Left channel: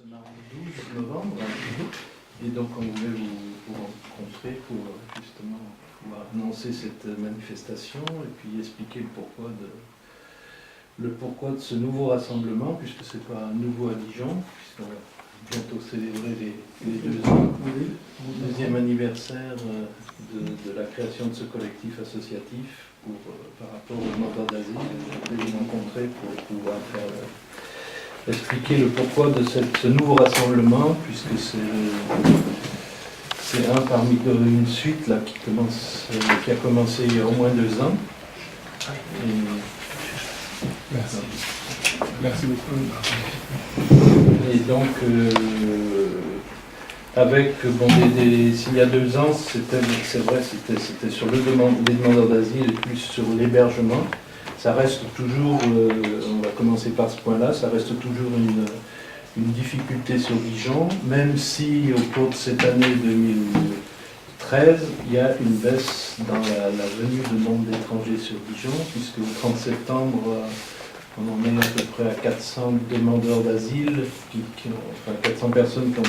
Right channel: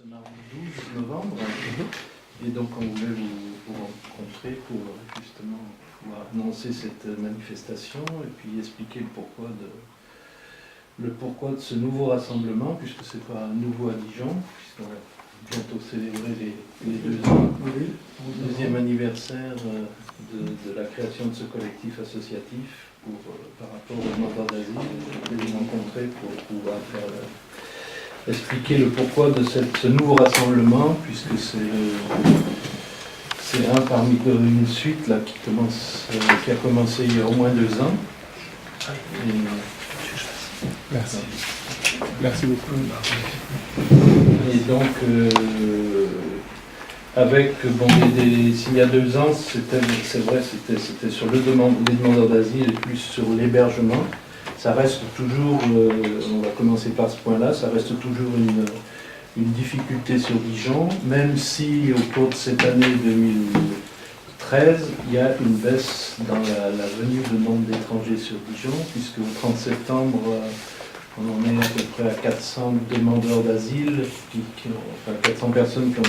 Ce mardi 12 novembre, et donc on voulait vous rencontrer pour justement pouvoir annoncer cette manifestation et puis expliquer le pourquoi de ce nouveau rassemblement, puisque c'est pas nouveau à Dijon, puisqu'on va bientôt célébrer les 2 ans, le deuxième anniversaire de la création de ce collectif associatif par rapport aux demandeurs d'asile. Je vais vous rencontrer pour pouvoir expliquer le pourquoi de ce nouveau rassemblement, puisque c'est un parmi une suite là, qui a commencé il y a au moins 2 ans. Merci. Merci beaucoup. Et donc, s'il y a 2 ans, c'est vrai, c'était sur les demandeurs d'asile et plus sur l'hébergement. Ça reste toujours, on va commencer par ce point-là, ça reste toujours une difficulté sur Dijon, même si au cours de cette année 2013, il y a une baisse dans la venue de nombre d'étrangers sur Dijon, puisque au 30 septembre, on en est à peu près à 400 demandeurs d'asile, 400 personnes qui ont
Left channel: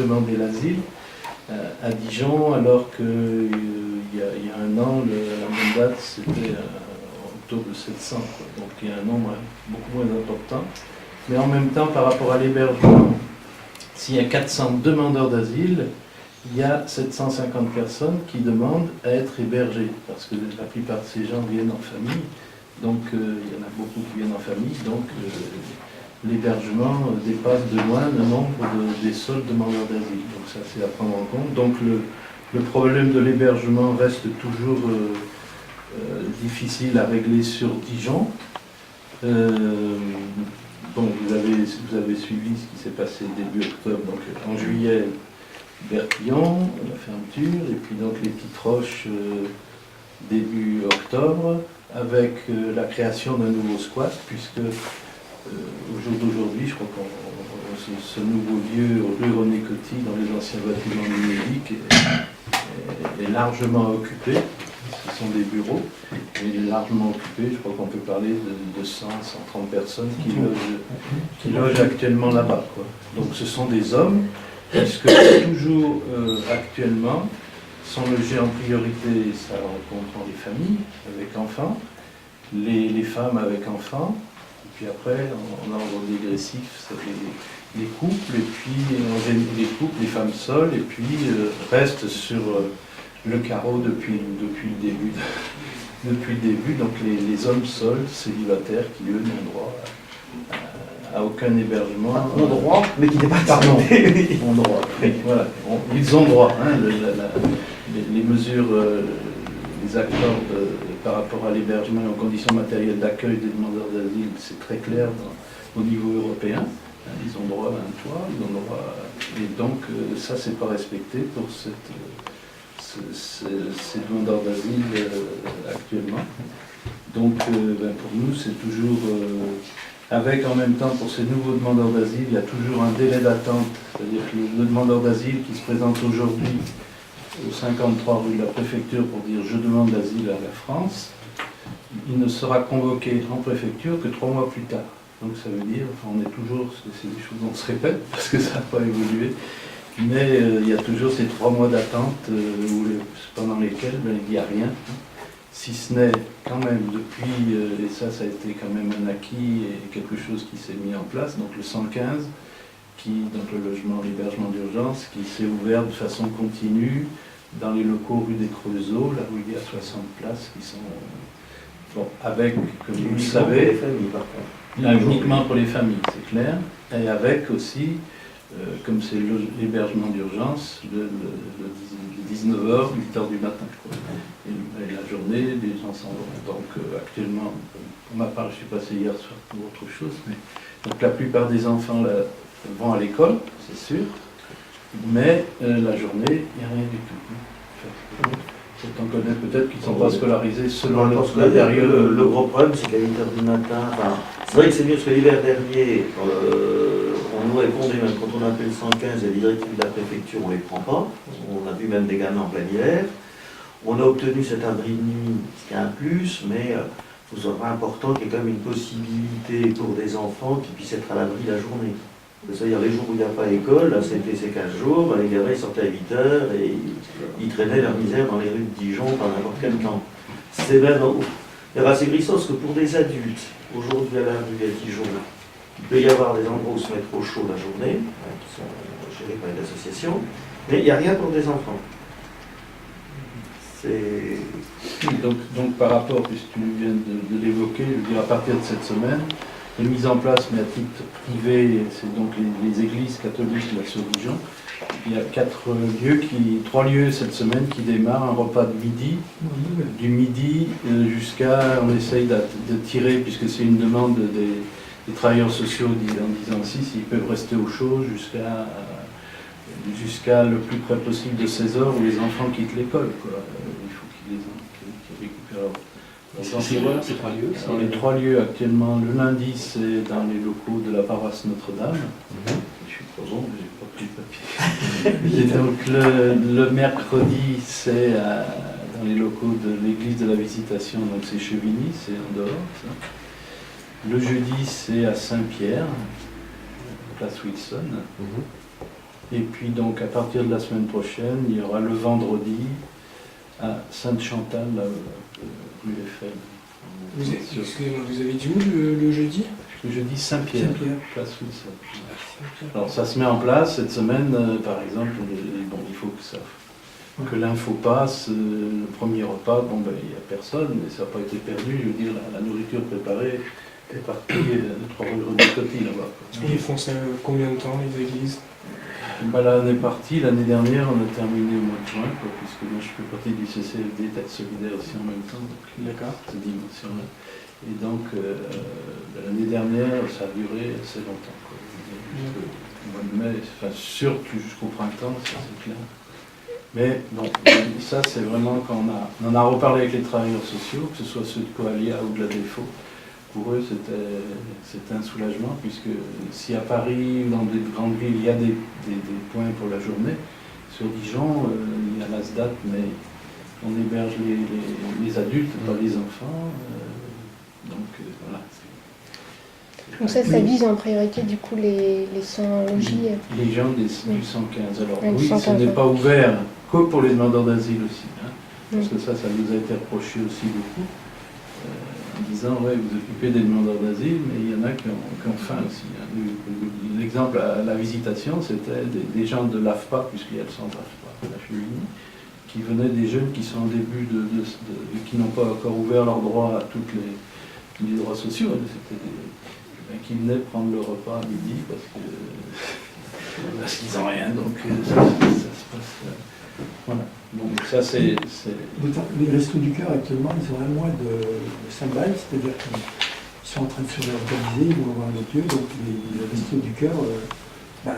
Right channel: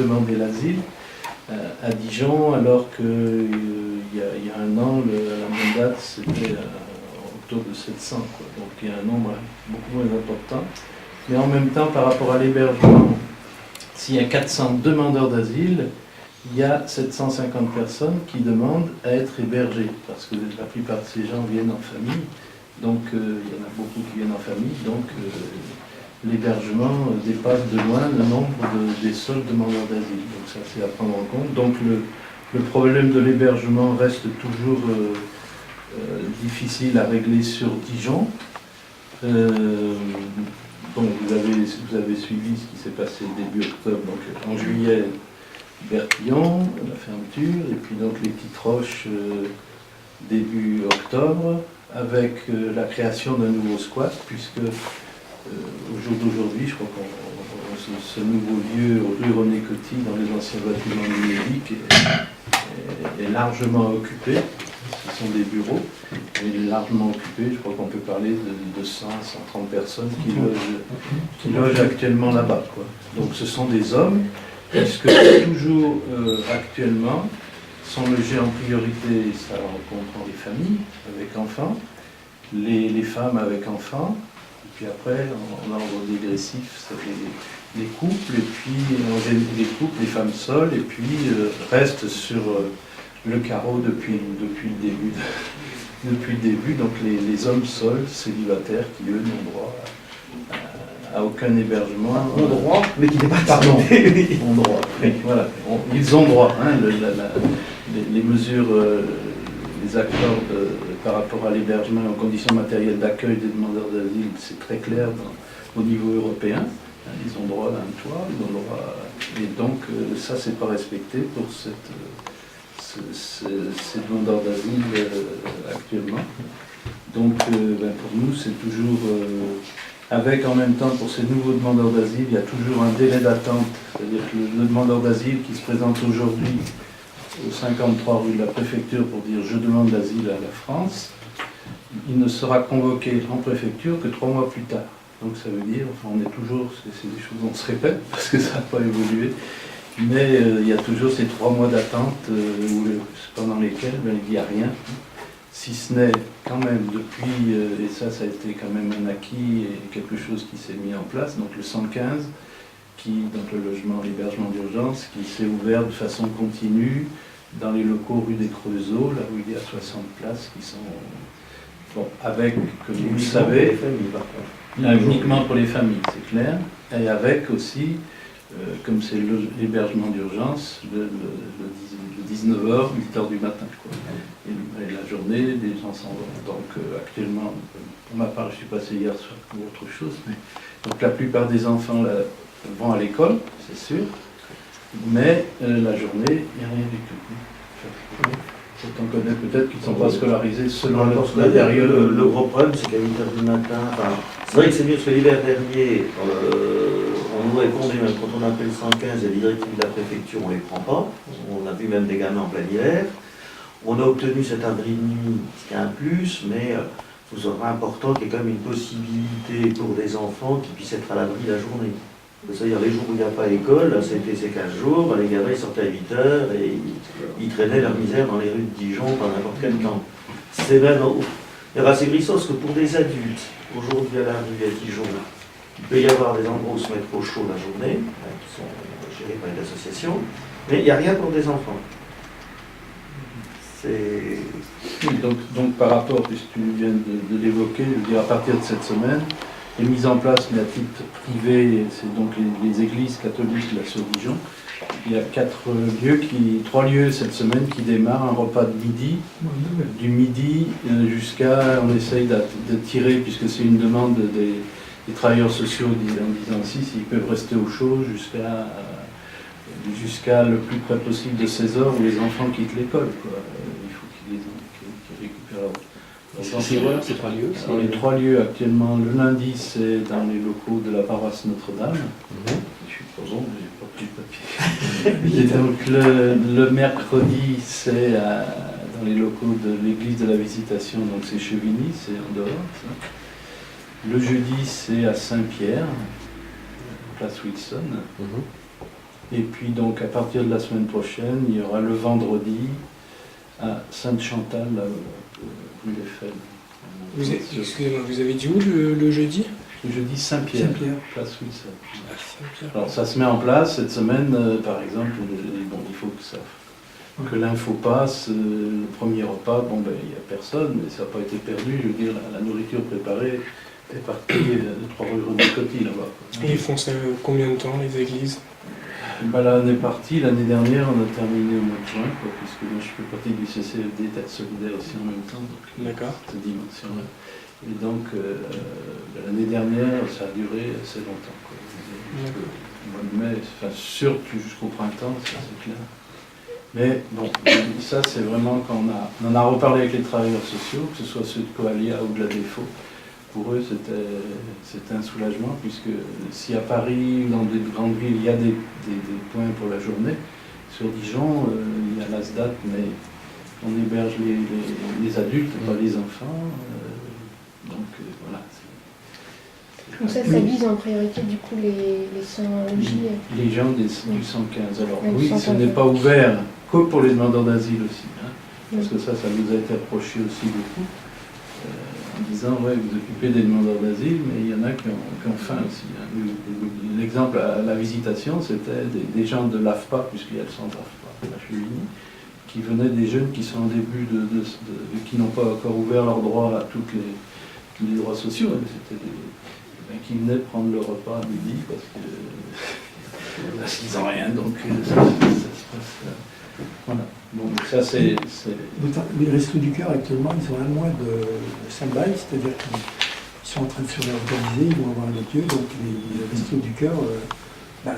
demandé l'asile à Dijon, alors qu'il y a un an, la même date, c'était en octobre de 700, quoi. Donc il y a un nombre beaucoup moins important. Mais en même temps, par rapport à l'hébergement, s'il y a 400 demandeurs d'asile, il y a 750 personnes qui demandent à être hébergées, parce que la plupart de ces gens viennent en famille, donc il y en a beaucoup qui viennent en famille, donc l'hébergement dépasse de loin le nombre des seuls demandeurs d'asile. Donc ça, c'est à prendre en compte. Donc le problème de l'hébergement reste toujours difficile à régler sur Dijon. Bon, vous avez suivi ce qui s'est passé début octobre, donc en juillet, Bertillon, la fermeture, et puis donc les Petites Roches début octobre, avec la création d'un nouveau squat, puisque au jour d'aujourd'hui, je crois que ce nouveau lieu, rue René Coty, dans les anciens bâtiments numériques, est largement occupé. Ce sont des bureaux, mais largement occupé. Je crois qu'on peut parler de 100, 130 personnes qui logent actuellement là-bas, quoi. Donc ce sont des hommes, puisque toujours actuellement sont logés en priorité, ça comprend les familles avec enfants, les femmes avec enfants, et puis après, en ordre dégressif, c'est les couples, et puis les couples, les femmes seules, et puis restent sur le carreau depuis le début. Depuis le début, donc les hommes seuls, célibataires, qui eux n'ont droit à aucun hébergement. Ont droit, mais qui n'est pas pardon, ont droit. Voilà, ils ont droit. Hein, les mesures, les accords par rapport à l'hébergement et aux conditions matérielles d'accueil des demandeurs d'asile, c'est très clair au niveau européen. Hein, ils ont droit à un toit, ils ont droit et donc ça, c'est pas respecté pour ces demandeurs d'asile actuellement. Donc pour nous, c'est toujours, avec en même temps pour ces nouveaux demandeurs d'asile, il y a toujours un délai d'attente, c'est-à-dire que le demandeur d'asile qui se présente aujourd'hui au 53 rue de la préfecture pour dire « je demande l'asile à la France », il ne sera convoqué en préfecture que 3 mois plus tard. Donc ça veut dire, enfin on est toujours, c'est des choses on se répète parce que ça n'a pas évolué, mais il y a toujours ces 3 mois d'attente pendant lesquels il n'y a rien, si ce n'est quand même depuis, et ça a été quand même un acquis et quelque chose qui s'est mis en place, donc le 115, donc le logement, l'hébergement d'urgence, qui s'est ouvert de façon continue dans les locaux rue des Creusot, là où il y a 60 places qui sont, bon, avec, comme vous le savez, uniquement pour les familles, c'est clair, et avec aussi, comme c'est l'hébergement d'urgence, le 19h, 8h du matin, quoi. Et la journée, les gens s'en vont. Donc actuellement, pour ma part, je suis passé hier soir pour autre chose, mais donc la plupart des enfants là, vont à l'école, c'est sûr, mais la journée, il n'y a rien du tout. On connaît peut-être qu'ils ne sont pas scolarisés selon la période. Le gros problème, c'est qu'à 8h du matin, c'est vrai que c'est mieux parce que l'hiver dernier, on nous répondait même quand on appelle 115 et les directives de la préfecture, on ne les prend pas. On a vu même des gamins en plein hiver. On a obtenu cet abri de nuit, ce qui est un plus, mais il je vous aurais important qu'il y ait quand même une possibilité pour des enfants qui puissent être à l'abri la journée. C'est-à-dire les jours où il n'y a pas école, là c'était ces 15 jours, ben, les gamins ils sortaient à 8 heures et ils traînaient leur misère dans les rues de Dijon par n'importe quel temps. C'est même assez grissant parce que pour des adultes, aujourd'hui à la rue à Dijon, il peut y avoir des endroits où se mettre au chaud la journée, qui sont gérés par les associations, mais il n'y a rien pour des enfants. Oui, donc par rapport, puisque tu viens de l'évoquer, je veux dire à partir de cette semaine, est mise en place, mais à titre privé, c'est donc les églises catholiques de la Sœur-Dijon. Il y a 3 lieux cette semaine qui démarrent un repas de midi, du midi jusqu'à, on essaye de tirer, puisque c'est une demande des travailleurs sociaux en disant si, s'ils peuvent rester au chaud jusqu'à le plus près possible de 16 heures où les enfants quittent l'école. Il faut qu'ils récupèrent leur... C'est quoi ces 3 lieux? Alors, les 3 lieux actuellement, le lundi c'est dans les locaux de la paroisse Notre-Dame. Je suis pas bon, j'ai pas pris le papier. Et donc le mercredi c'est dans les locaux de l'église de la Visitation, donc c'est Chevigny, c'est en dehors. Ça. Le jeudi c'est à Saint-Pierre, place Wilson. Et puis donc à partir de la semaine prochaine, il y aura le vendredi à Sainte-Chantal, rue Eiffel. Excusez-moi, vous avez dit où le jeudi? Le jeudi Saint-Pierre, place Wilson. Saint-Pierre. Alors ça se met en place cette semaine, par exemple, il faut que l'info passe, le premier repas, il n'y a personne, mais ça n'a pas été perdu, je veux dire, la nourriture préparée est partie de 3 rue de Coty là-bas. Et ils font ça combien de temps, les églises? Là, on est parti, l'année dernière, on a terminé au mois de juin, puisque moi je fais partie du CCFD Tête Solidaire aussi en même temps, donc cette dimension-là. Et donc, l'année dernière, ça a duré assez longtemps. Au mois de mai, surtout jusqu'au printemps, ça c'est clair. Mais bon, ça c'est vraiment quand on en a reparlé avec les travailleurs sociaux, que ce soit ceux de Coalia ou de la Défaut. Pour eux, c'était un soulagement, puisque si à Paris ou dans des grandes villes, il y a des points pour la journée, sur Dijon, il y a l'ASDAT, mais on héberge les adultes, pas les enfants. Voilà. Donc ça vise en priorité du coup les sans-logis. Les gens du 115. Alors oui, ce n'est pas ouvert que pour les demandeurs d'asile aussi, parce que ça nous a été reproché aussi beaucoup. En disant, ouais, vous occupez des demandeurs d'asile, mais il y en a qui ont faim aussi. L'exemple à la Visitation, c'était des gens de l'AFPA, puisqu'il y a le centre AFPA, la Chevigny, qui venaient des jeunes qui sont en début qui n'ont pas encore ouvert leurs droits à tous les droits sociaux. C'était qui venaient prendre le repas à midi parce qu'ils n'ont rien, donc ça se passe. Voilà. Donc ça c'est... Les Restos du Cœur actuellement, ils sont à moins de stand-by, c'est-à-dire qu'ils sont en train de se réorganiser, ils vont avoir un autre lieu, donc les Restos du Cœur, la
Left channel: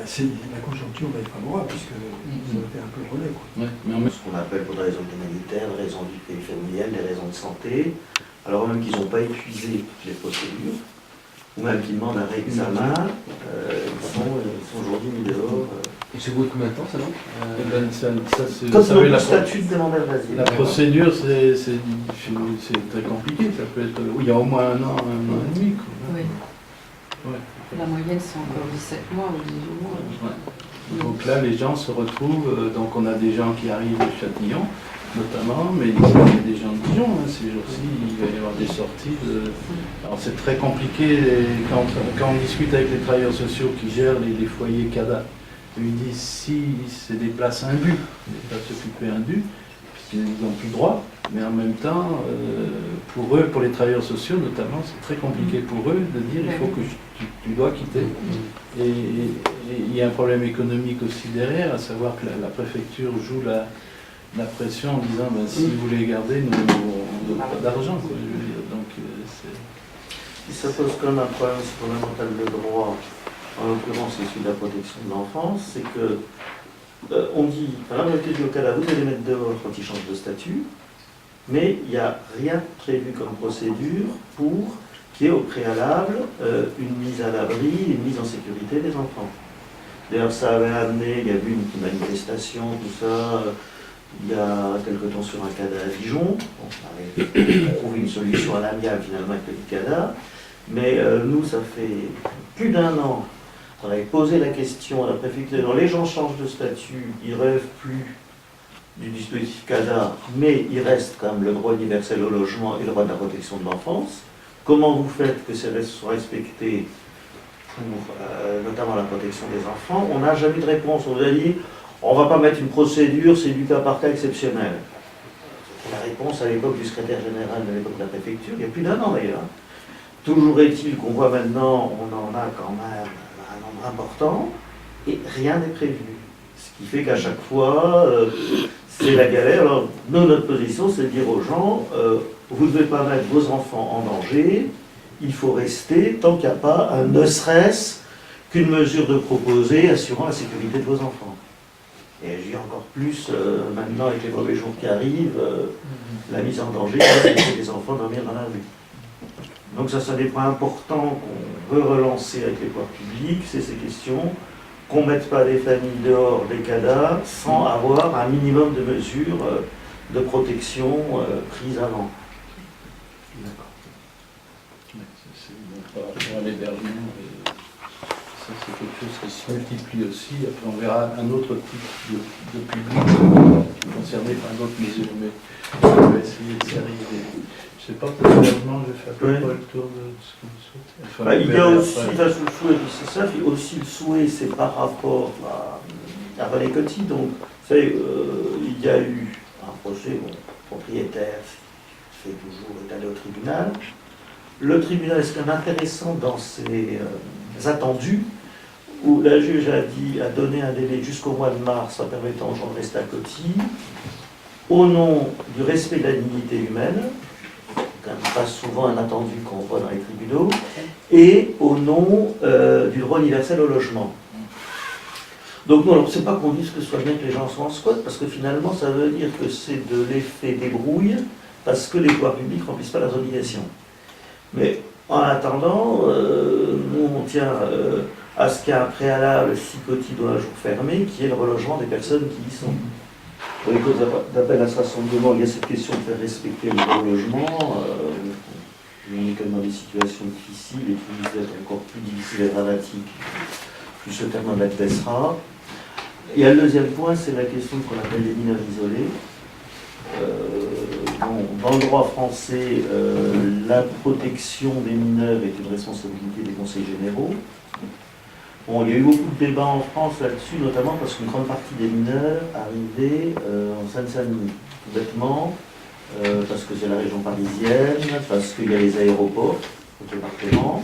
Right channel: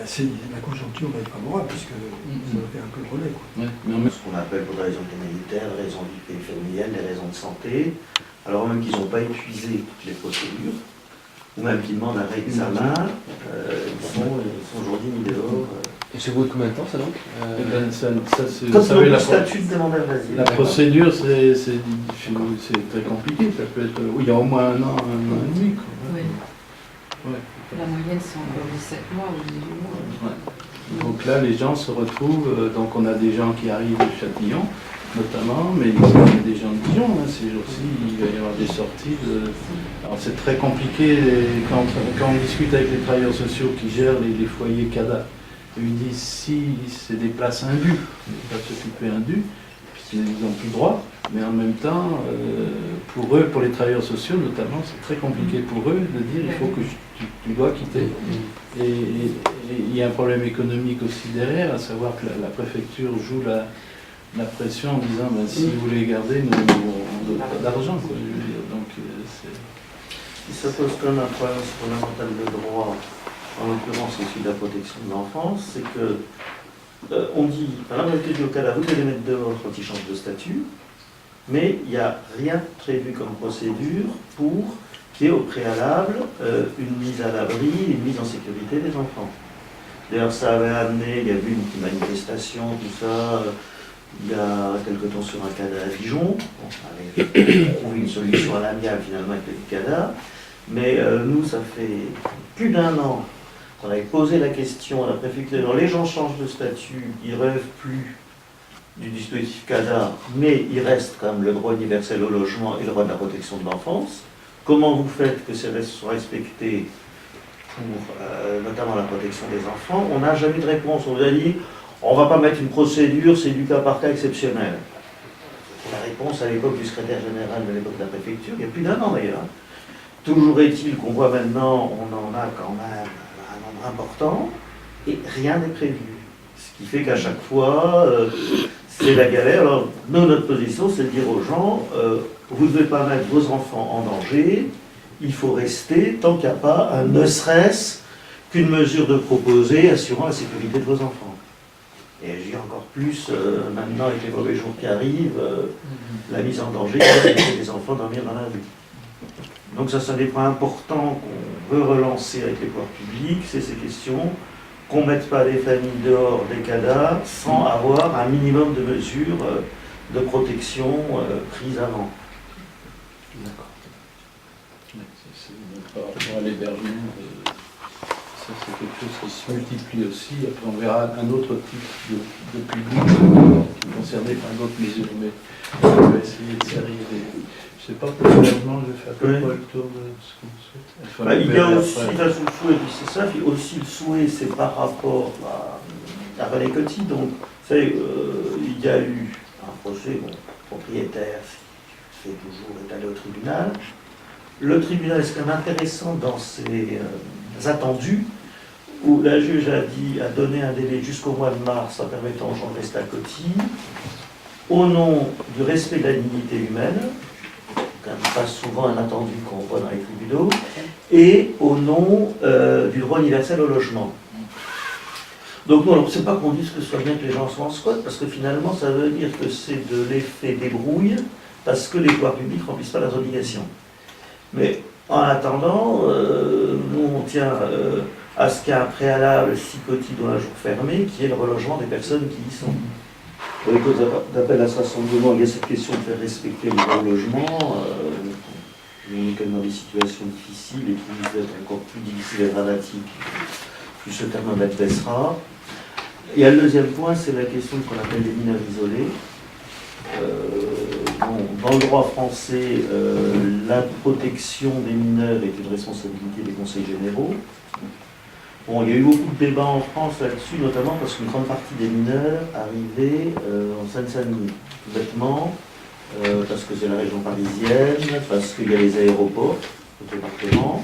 conjoncture va être favorable, puisque ça va faire un peu le relais. Ouais, mais ce qu'on appelle pour des raisons humanitaires, des raisons de vie familiale, des raisons de santé, alors même qu'ils n'ont pas épuisé toutes les procédures, ou même qu'ils demandent un réexamen, ils sont aujourd'hui mis dehors. Et c'est au bout de combien de temps ça donc Quand ils ont le statut de demandeur d'asile. La procédure c'est très compliqué, ça peut être... Oui, il y a au moins un an et demi. Oui. Ouais. La moyenne c'est encore 17 mois ou 18 mois. Ouais. Donc là les gens se retrouvent, donc on a des gens qui arrivent de Châtillon notamment, mais il y a des gens de Dijon, ces jours-ci, il va y avoir des sorties Alors c'est très compliqué quand on discute avec les travailleurs sociaux qui gèrent les foyers CADA. Ils disent si c'est des places indues, des places occupées indues, puisqu'ils n'ont plus droit, mais en même temps, pour eux, pour les travailleurs sociaux notamment, c'est très compliqué pour eux de dire il faut que tu dois quitter. Et il y a un problème économique aussi derrière, à savoir que la préfecture joue la pression en disant si vous les gardez, nous on ne donne pas d'argent. Donc il se pose quand même un problème fondamental de droit. En l'occurrence, c'est celui de la protection de l'enfance, c'est que on dit, par la majorité du cas, vous devez les mettre dehors quand ils changent de statut, mais il n'y a rien prévu comme procédure pour qu'il y ait au préalable une mise à l'abri, une mise en sécurité des enfants. D'ailleurs, ça avait amené, il y a eu une petite manifestation, tout ça, il y a quelque temps sur un CADA à Dijon. Bon, on avait trouvé une solution à l'amiable finalement avec le CADA. Mais nous, ça fait plus d'1 an qu'on avait posé la question à la préfecture. Les gens changent de statut, ils ne relèvent plus du dispositif CADA, mais il reste quand même le droit universel au logement et le droit de la protection de l'enfance. Comment vous faites que ces restes soient respectés pour notamment la protection des enfants? On n'a jamais eu de réponse. On nous a dit, on ne va pas mettre une procédure, c'est du cas par cas exceptionnel. La réponse à l'époque du secrétaire général de l'époque de la préfecture, il y a plus d'1 an d'ailleurs. Toujours est-il qu'on voit maintenant, on en a quand même un nombre important, et rien n'est prévu. Ce qui fait qu'à chaque fois, c'est la galère. Alors, nous, notre position, c'est de dire aux gens, vous ne devez pas mettre vos enfants en danger, il faut rester tant qu'il n'y a pas, ne serait-ce qu'une mesure de proposée assurant la sécurité de vos enfants. Et je dis encore plus, maintenant avec les mauvais jours qui arrivent, la mise en danger, c'est des enfants dormir dans la rue. Donc ça, c'est des points importants qu'on veut relancer avec les pouvoirs publics, c'est ces questions, qu'on ne mette pas des familles dehors des CADA sans avoir un minimum de mesures de protection prises avant. D'accord. Par rapport à l'hébergement, ça c'est quelque chose qui se multiplie aussi. Après on verra un autre type de public qui est concerné par d'autres mesures, mais on va essayer de s'y arriver. Je ne sais pas, pour l'hébergement, je vais faire un peu le tour de ce qu'on souhaite. Il y a aussi le souhait, c'est ça, il y a aussi le souhait, c'est par rapport à René Coty. Donc, vous savez, il y a eu un procès, bon, propriétaire, fait toujours est allé au tribunal. Le tribunal est quand même intéressant dans ses attendus, où la juge a donné un délai jusqu'au mois de mars en permettant aux gens de rester à Coty, au nom du respect de la dignité humaine, quand même pas souvent un attendu qu'on voit dans les tribunaux, et au nom du droit universel au logement. Donc non, alors c'est pas qu'on dise que ce soit bien que les gens soient en squat, parce que finalement ça veut dire que c'est de l'effet débrouille, parce que les pouvoirs publics ne remplissent pas leurs obligations. Mais en attendant, nous on tient à ce qu'il y ait un préalable si Coty doit un jour fermer, qui est le relogement des personnes qui y sont. Dans les causes d'appel à ce rassemblement, il y a cette question de faire respecter le droit au logement. On est quand même dans des situations difficiles et qui vont être encore plus difficiles et dramatiques, plus ce thermomètre baissera. Il y a le deuxième point, c'est la question de ce qu'on appelle les mineurs isolés. Dans le droit français, la protection des mineurs est une responsabilité des conseils généraux. Bon, il y a eu beaucoup de débats en France là-dessus, notamment parce qu'une grande partie des mineurs arrivaient en Seine-Saint-Denis, tout bêtement, parce que c'est la région parisienne, parce qu'il y a les aéroports au département.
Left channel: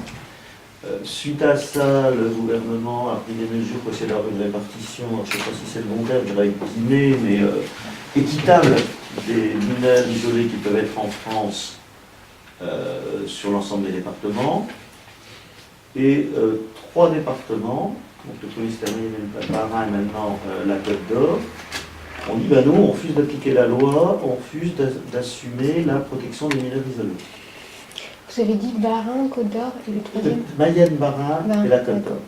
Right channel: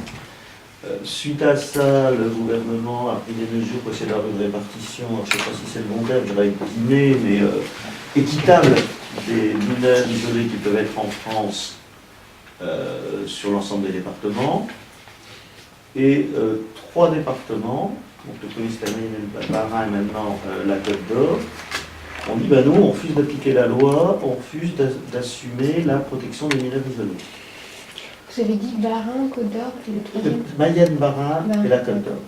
Suite à ça, le gouvernement a pris des mesures pour essayer d'avoir une répartition, alors je ne sais pas si c'est le bon terme, je dirais guillemets, mais équitable des mineurs isolés qui peuvent être en France sur l'ensemble des départements. Et 3 départements, donc le Police-Termine, le Bas-Rhin et maintenant la Côte d'Or, on dit ben nous on refuse d'appliquer la loi, on refuse d'assumer la protection des mineurs isolés. Vous avez dit Bas-Rhin, Côte d'Or et le troisième Mayenne, Bas-Rhin et la Côte d'Or.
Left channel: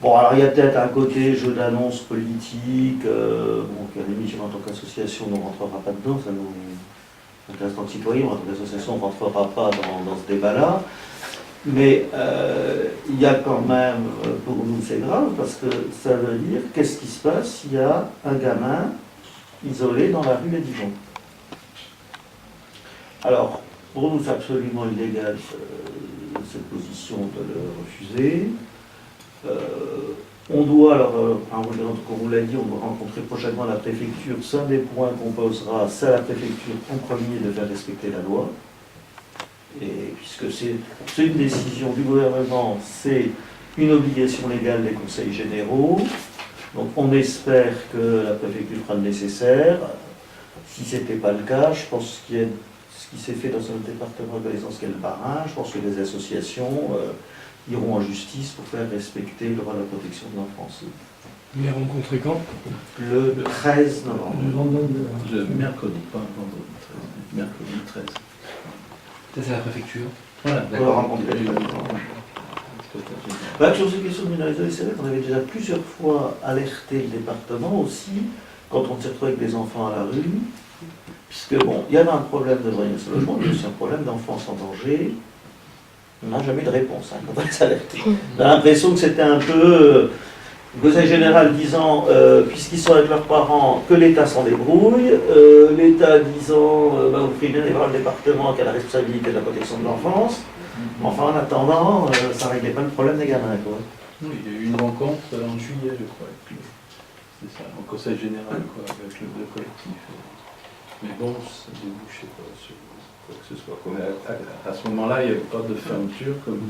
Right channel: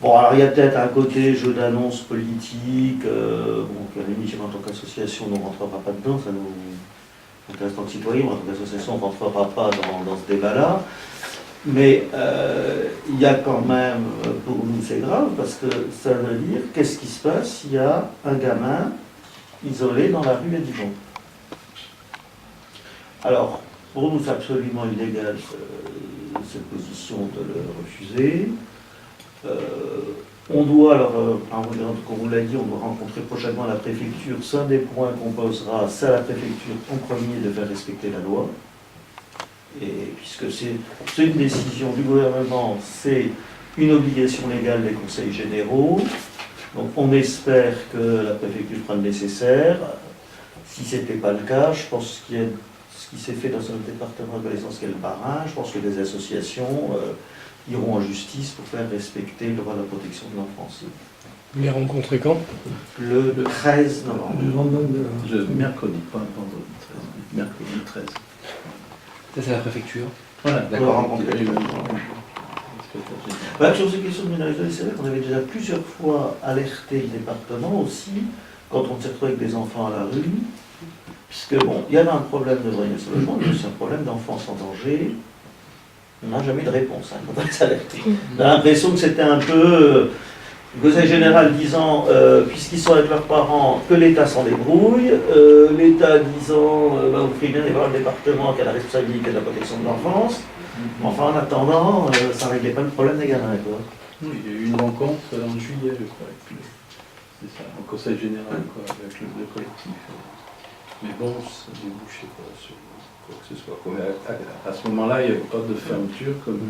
Bon, alors il y a peut-être un côté jeu d'annonce politique, bon, qu'à la limite, en tant qu'association, on ne rentrera pas dedans, ça nous intéresse en tant que citoyen, en tant qu'association, on ne rentrera pas dans ce débat-là. Mais il y a quand même, pour nous c'est grave, parce que ça veut dire, qu'est-ce qui se passe s'il y a un gamin isolé dans la rue à Dijon? Alors, pour nous c'est absolument illégal cette position de le refuser. On doit, alors, comme vous l'a dit, on doit rencontrer prochainement la préfecture. C'est un des points qu'on posera, c'est à la préfecture en premier de faire respecter la loi. Et puisque c'est une décision du gouvernement, c'est une obligation légale des conseils généraux. Donc on espère que la préfecture fera le nécessaire. Si ce n'était pas le cas, je pense qu'il y a ce qui s'est fait dans un département de connaissance qu'est le Bas-Rhin. Je pense que des associations iront en justice pour faire respecter le droit de la protection de l'enfance. Les rencontrer quand? Le 13 novembre. Le mercredi, pas un vendredi 13, mais mercredi 13. Ça, c'est la préfecture. Voilà, d'accord. Sur ces questions de mineurs isolés, c'est vrai qu'on avait déjà plusieurs fois alerté le département aussi quand on s'est retrouvé avec des enfants à la rue, puisque bon, il y avait un problème de vraisemblance au logement, mais aussi un problème d'enfance en danger. On n'a jamais de réponse hein, quand on est alerté. On a l'impression que c'était un peu le conseil général disant, puisqu'ils sont avec leurs parents, que l'État s'en débrouille, l'État disant, vous ferez bien aller voir le département qui a la responsabilité de la protection de l'enfance. Enfin, en attendant, ça ne réglait pas le problème des gamins, quoi. Oui, il y a eu une rencontre en juillet, je crois, c'est ça, au conseil général, quoi, avec le collectif. Mais bon, ça ne débouchait pas sur quoi que ce soit. À ce moment-là, il n'y avait pas de fermeture, comme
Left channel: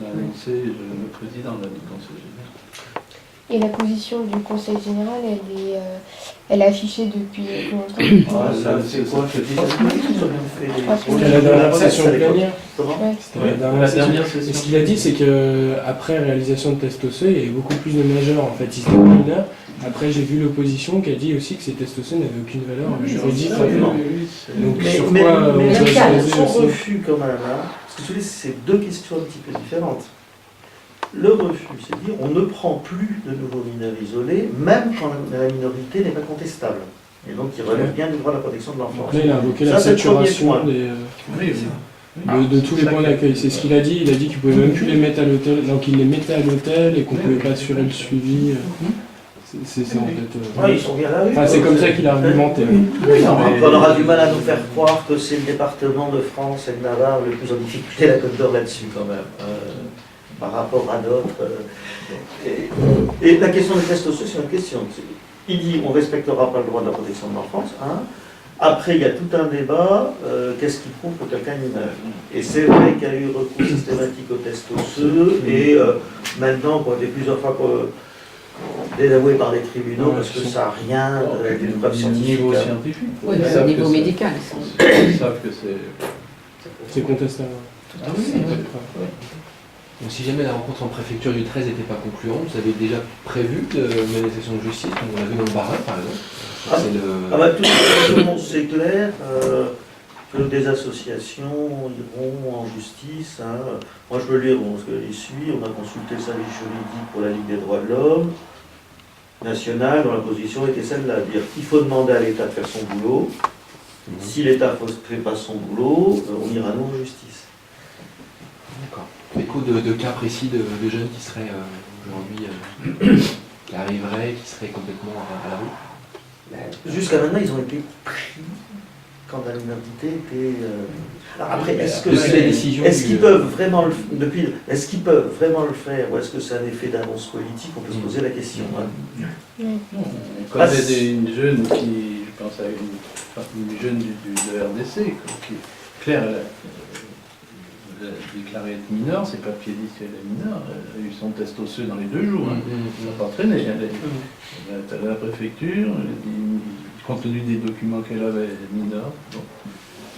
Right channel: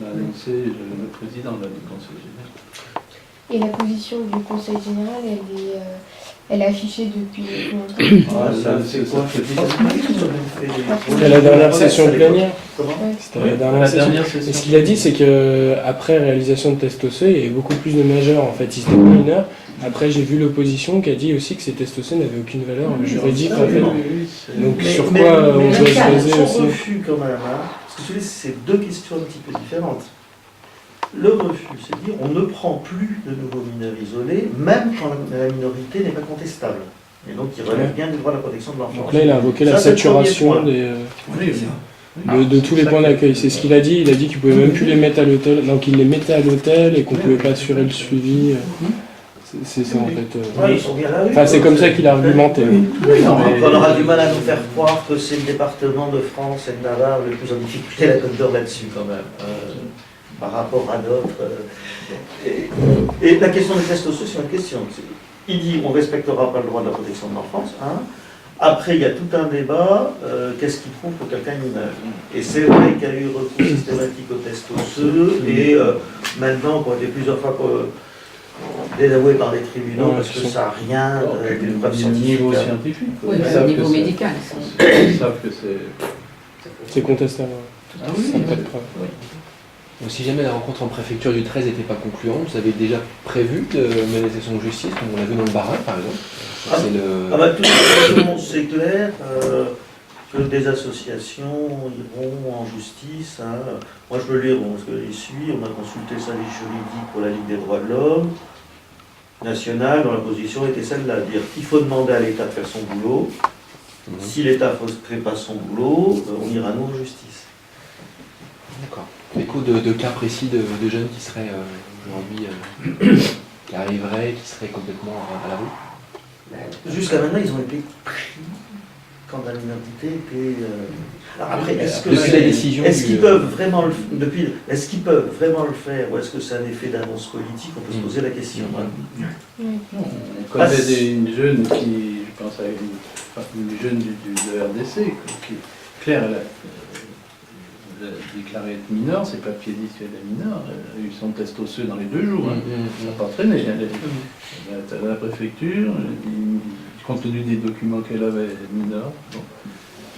l'a annoncé le président du conseil général. Et la position du conseil général, elle est affichée depuis longtemps. Ah, ça, c'est quoi? C'était la dernière session plénière. Comment? C'était la dernière session. Et ce qu'il a dit, c'est qu'après réalisation de tests osseux, il y avait beaucoup plus de majeurs, en fait, ils étaient mineurs. Après, j'ai vu l'opposition qui a dit aussi que ces tests osseux n'avaient aucune valeur juridique. En fait. Donc, sur Mais quoi on doit se baser son aussi refus, quand même, hein, parce que c'est deux questions un petit peu différentes. Le refus, c'est dire on ne prend plus de nouveaux mineurs isolés, même quand la minorité n'est pas contestable. Et donc, il relève bien du droit à la protection de l'enfance. Donc là, il a invoqué la Ça, c'est le premier saturation point. de tous les points d'accueil. C'est ce qu'il a dit. Il a dit qu'il ne pouvait même plus les mettre à l'hôtel. Donc, il les mettait à l'hôtel et qu'on ne pouvait pas assurer le suivi. C'est ça, en fait. Ouais, ils sont bien là. Enfin, c'est comme ça qu'il a argumenté. Oui, on aura du mal à nous faire croire que c'est le département de France et de Navarre le plus en difficulté, la Côte d'Or là-dessus, quand même. Par rapport à d'autres. Et la question des tests osseux, c'est une question. Il dit on ne respectera pas le droit de la protection de l'enfance. Hein. Après, il y a tout un débat. Qu'est-ce qui prouve que quelqu'un est mineur? Et c'est vrai qu'il y a eu recours systématique aux tests osseux. Et maintenant, qu'on a été plusieurs fois désavoué par les tribunaux parce que ça n'a rien d'une preuve scientifique. Niveau scientifique. Oui, Ils au niveau médical. Ils savent que c'est. C'est contestable. Ah oui, Il n'y a pas de preuve. Donc si jamais la rencontre en préfecture du 13 n'était pas concluante, vous avez déjà prévu de mener session de justice, comme on l'a vu dans le Bas-Rhin par exemple. Tout le monde c'est clair que des associations iront en justice. Hein. Moi je veux lire, parce que j'y suis, on a consulté le service juridique pour la Ligue des droits de l'homme nationale, dont la position était celle-là, dire qu'il faut demander à l'État de faire son boulot. Si l'État ne fait pas son boulot, on ira nous en justice. D'accord. Écho de cas précis de jeunes qui seraient aujourd'hui, qui arriveraient, qui seraient complètement à la rue? Jusqu'à maintenant, ils ont été pris quand la minorité était. Alors après, depuis la décision est-ce qu'ils peuvent vraiment est-ce qu'ils peuvent vraiment le faire, ou est-ce que c'est un effet d'annonce politique? On peut se poser la question. Hein. On connaît une jeune qui, je pense à une jeune de RDC, qui Claire, elle a déclaré être mineure, ses papiers disent qu'elle est mineure, elle a eu son test osseux dans les 2 jours, hein. Ça n'a pas traîné. Elle est à la préfecture, compte tenu des documents qu'elle avait, elle est mineure. Bon.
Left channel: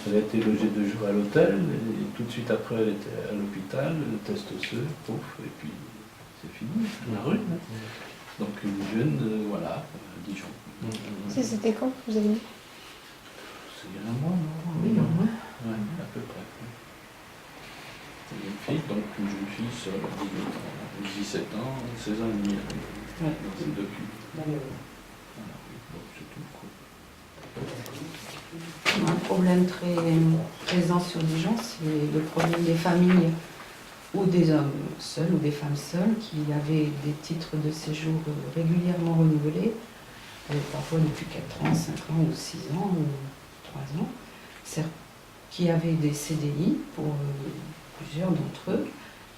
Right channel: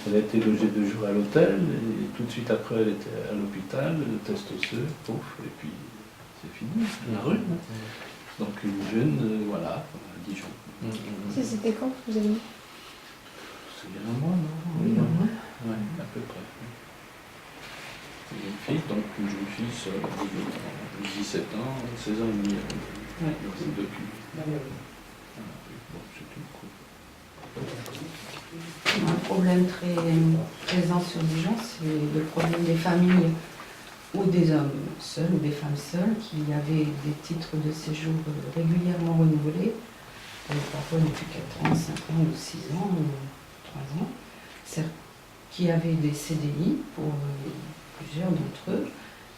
Elle a été logée 2 jours à l'hôtel, et tout de suite après elle était à l'hôpital, le test osseux, pouf, et puis c'est fini, la rue. Hein. Donc une jeune, voilà, à Dijon. C'était quand, vous avez dit? C'est il y a un mois, non? Oui, un mois. Oui, à peu près. C'est une fille, donc une jeune fille seule, 17 ans, 16 ans et demi. C'est depuis. Voilà, bon, c'est tout. Un problème très présent sur Dijon, c'est le problème des familles ou des hommes seuls ou des femmes seules qui avaient des titres de séjour régulièrement renouvelés, parfois depuis 4 ans, 5 ans ou 6 ans ou 3 ans, qui avaient des CDI pour plusieurs d'entre eux,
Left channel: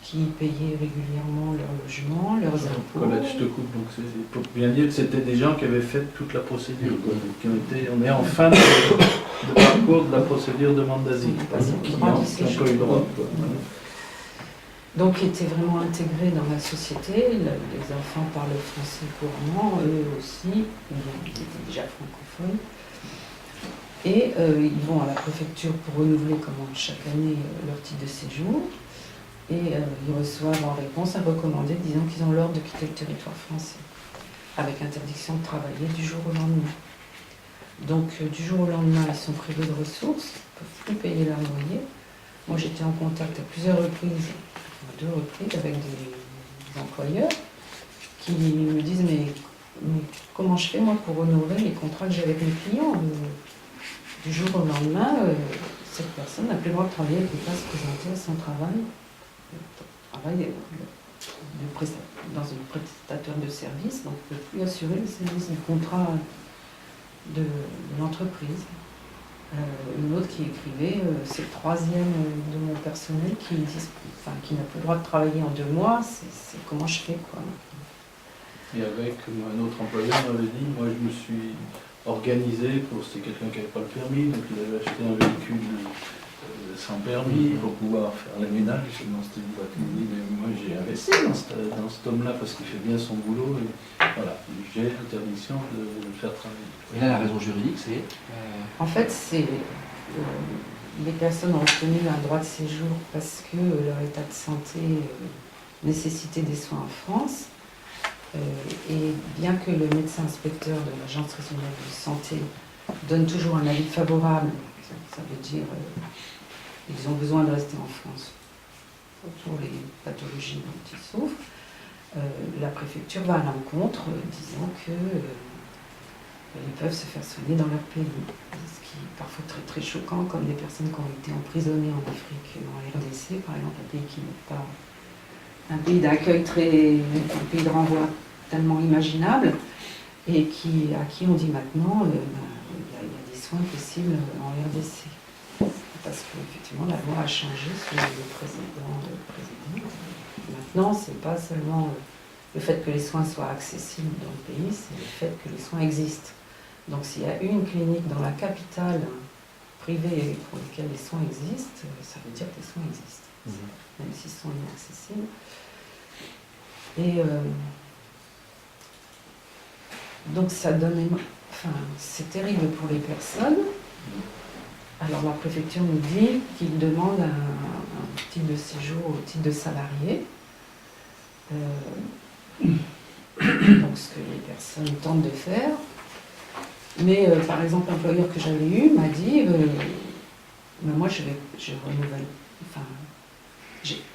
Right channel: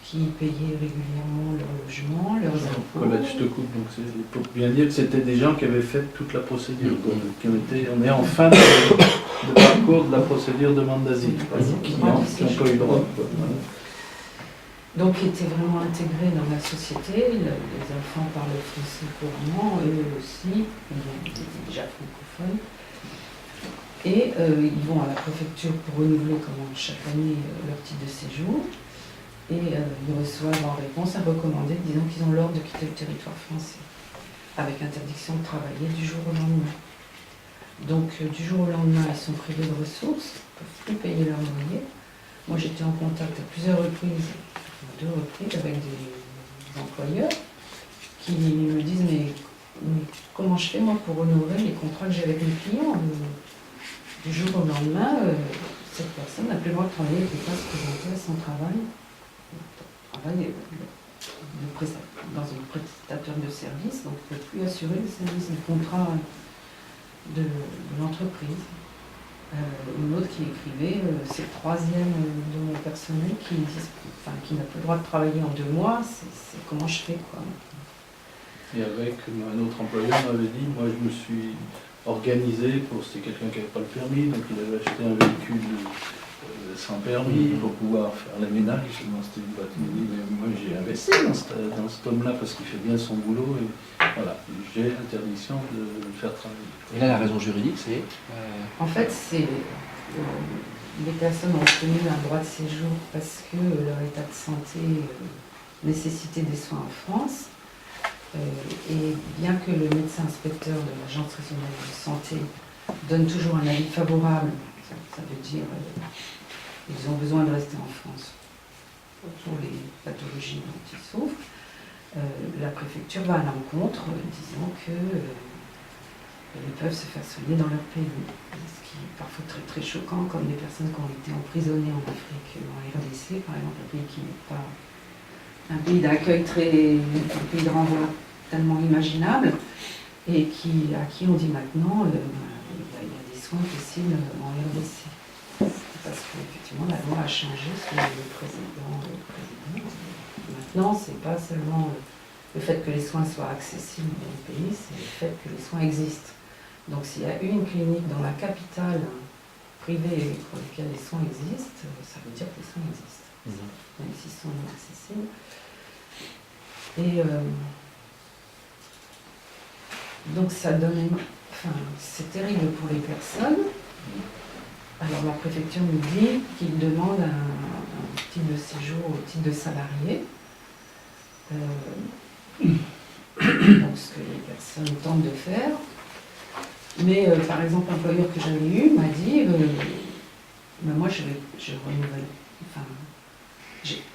qui payaient régulièrement leur logement, leurs impôts. Colette, je te coupe, donc pour bien dire que c'était des gens qui avaient fait toute la procédure, qui ont été, on est en fin de parcours de la procédure demande d'asile, qui n'ont pas eu droit. Voilà. Donc qui étaient vraiment intégrés dans la société, les enfants parlent français couramment, eux aussi, ils étaient déjà francophones. Et ils vont à la préfecture pour renouveler comme chaque année leur titre de séjour. Et ils reçoivent en réponse un recommandé disant qu'ils ont l'ordre de quitter le territoire français, avec interdiction de travailler du jour au lendemain. Donc du jour au lendemain, ils sont privés de ressources, ils ne peuvent plus payer leur loyer. Moi j'étais en contact à plusieurs reprises, à 2 reprises, avec des employeurs qui me disent mais mais comment je fais moi pour honorer les contrats que j'ai avec mes clients du jour au lendemain, cette personne n'a plus le droit de travailler, elle ne peut pas se présenter à son travail. Dans une prestataire de service, donc ne peut plus assurer le service du contrat de l'entreprise. Une autre qui écrivait, c'est le troisième de mon personnel qui n'a plus le droit de travailler en 2 mois, c'est comment je fais quoi. Et avec un autre employeur m'avait dit, moi je me suis organisé c'était quelqu'un qui n'avait pas le permis, donc il avait acheté un véhicule sans permis pour pouvoir faire les ménages. C'était une voiture. Il dit, mais moi j'ai investi dans cet homme-là parce qu'il fait bien son boulot et voilà, j'ai l'interdiction de le faire travailler. Et là, la raison juridique, c'est En fait, c'est les personnes ont obtenu un droit de séjour parce que leur état de santé nécessitait des soins en France. Et bien que le médecin inspecteur de l'Agence régionale de santé donne toujours un avis favorable, ça veut dire qu'ils ont besoin de rester en France pour les pathologies dont ils souffrent, la préfecture va à l'encontre disant qu'ils peuvent se faire soigner dans leur pays. Ce qui est parfois très très choquant, comme des personnes qui ont été emprisonnées en Afrique, en RDC par exemple, un pays qui n'est pas un pays d'accueil un pays de renvoi tellement imaginable, et à qui on dit maintenant il y a des soins possibles en RDC. Parce qu'effectivement la loi a changé sous le précédent. Maintenant, c'est pas seulement le fait que les soins soient accessibles dans le pays, c'est le fait que les soins existent. Donc s'il y a une clinique dans la capitale privée pour laquelle les soins existent, ça veut dire que les soins existent, même s'ils sont inaccessibles. Et donc ça donne, c'est terrible pour les personnes. Alors la préfecture nous dit qu'il demande un titre de séjour au titre de salarié. Donc ce que les personnes tentent de faire. Mais par exemple, l'employeur que j'avais eu m'a dit moi je renouvelle.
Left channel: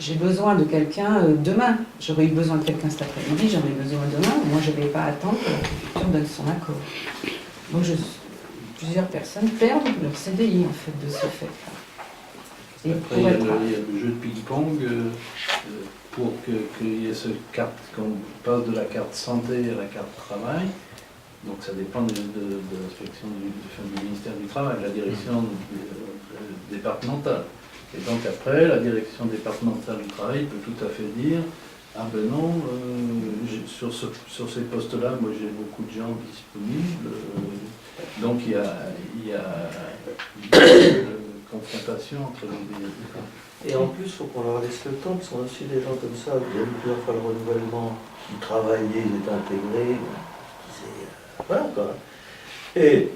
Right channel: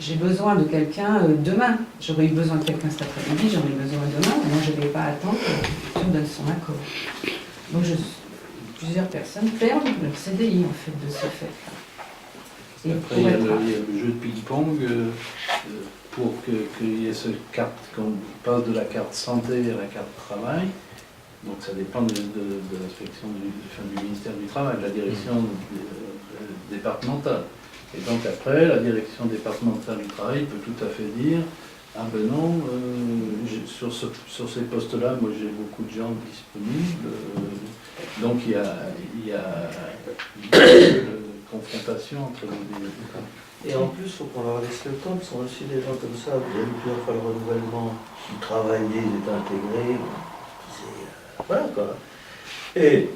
J'ai besoin de quelqu'un demain. J'aurais eu besoin de quelqu'un cet après-midi, j'en ai besoin demain. Moi, je ne vais pas attendre que la préfecture donne son accord. Donc, plusieurs personnes perdent leur CDI, en fait, de ce fait-là. Après, il y a le jeu de ping-pong pour qu'il y ait cette carte, qu'on passe de la carte santé à la carte travail. Donc, ça dépend de l'inspection du ministère du Travail, de la direction départementale. Et donc après, la direction départementale du travail peut tout à fait dire « Ah ben non, sur ces postes-là, moi j'ai beaucoup de gens disponibles. » Donc il y a une confrontation entre les deux. Et en plus, il faut qu'on leur laisse le temps, parce qu'on a aussi des gens comme ça, il y a eu plusieurs fois le renouvellement, ils travaillaient, ils étaient intégrés, voilà quoi. Et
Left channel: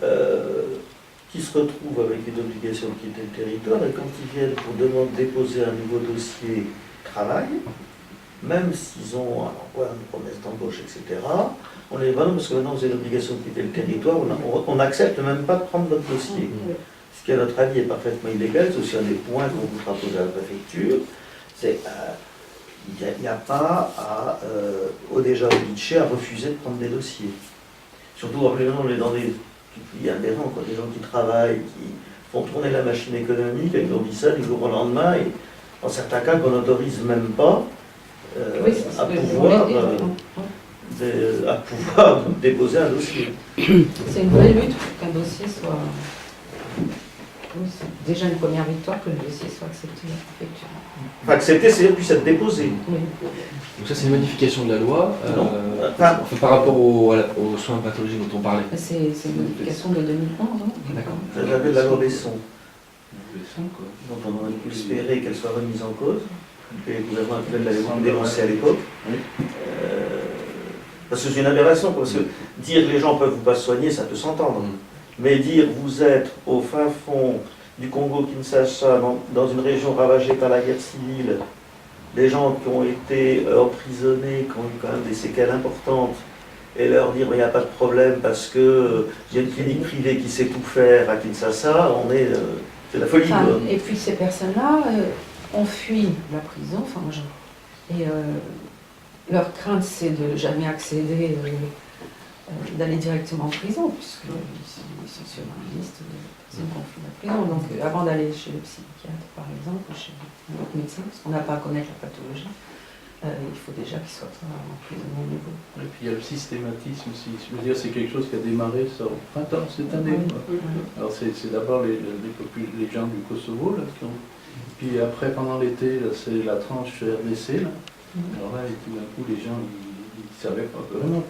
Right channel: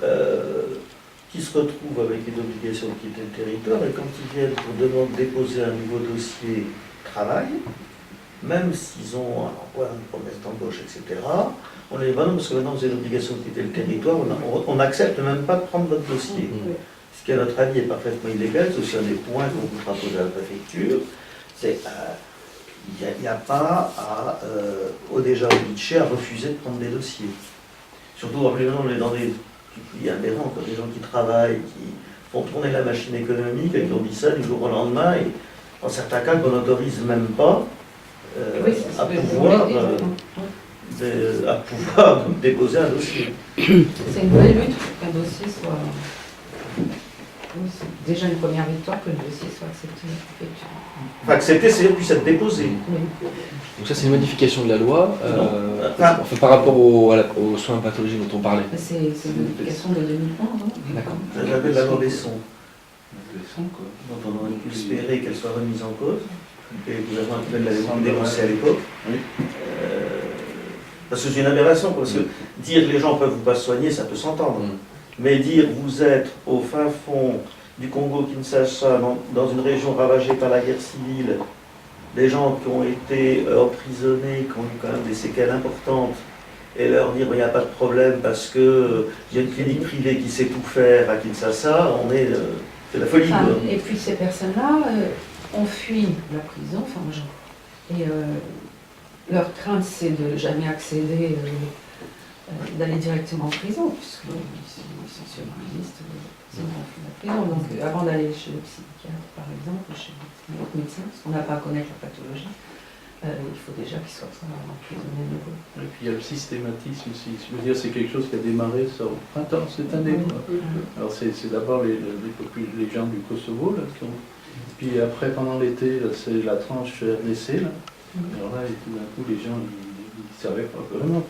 qui se retrouvent avec une obligation de quitter le territoire, et quand ils viennent pour déposer un nouveau dossier travail, même s'ils ont un emploi, une promesse d'embauche, etc., on les dit non, parce que maintenant vous avez l'obligation de quitter le territoire, on n'accepte même pas de prendre votre dossier. Ce qui, à notre avis, est parfaitement illégal, c'est aussi un des points qu'on voudra poser à la préfecture, c'est il n'y a pas déjà obligé à refuser de prendre des dossiers. Surtout, rappelez-nous, on est dans des pays aberrants, quoi, des gens qui travaillent, qui font tourner la machine économique, et qui ont dit ça du jour au lendemain, et dans certains cas qu'on n'autorise même pas à pouvoir déposer un dossier. C'est une vraie lutte pour qu'un dossier soit... Oui, c'est déjà une première victoire que le dossier soit accepté à la préfecture. Enfin, accepté, c'est puis être déposé. Oui. Donc ça, c'est une modification de la loi enfin, par rapport aux soins pathologiques dont on parlait. C'est une modification de 2011, hein. D'accord. J'avais la loi Besson, Quoi. dont on aurait pu espérer qu'elle soit remise en cause, que le gouvernement actuel l'avait beaucoup dénoncé à l'époque. Oui. Parce que c'est une aberration, parce que dire que les gens ne peuvent pas se soigner, ça peut s'entendre. Mais dire vous êtes au fin fond du Congo-Kinshasa, dans une région ravagée par la guerre civile, des gens qui ont été emprisonnés, qui ont eu quand même des séquelles importantes, et leur dire il n'y a pas de problème parce qu'il y a une clinique privée qui sait tout faire à Kinshasa, c'est la folie. Enfin, et puis ces personnes-là ont fui la prison, enfin, et leur crainte c'est de jamais accéder d'aller directement en prison, puisqu'ils sont sur une liste de personnes qui ont fait la prison. Donc avant d'aller chez le psychiatre, par exemple, ou chez un autre médecin, parce qu'on n'a pas à connaître la pathologie, il faut déjà qu'ils soient emprisonnés à nouveau. Et puis il y a le systématisme aussi. Je veux dire, c'est quelque chose qui a démarré ça au printemps cette année. Quoi. Alors c'est d'abord les gens du Kosovo là, qui ont. Puis après, pendant l'été, c'est la tranche RDC. Là. Alors là, tout d'un coup, les gens, ils ne savaient pas vraiment.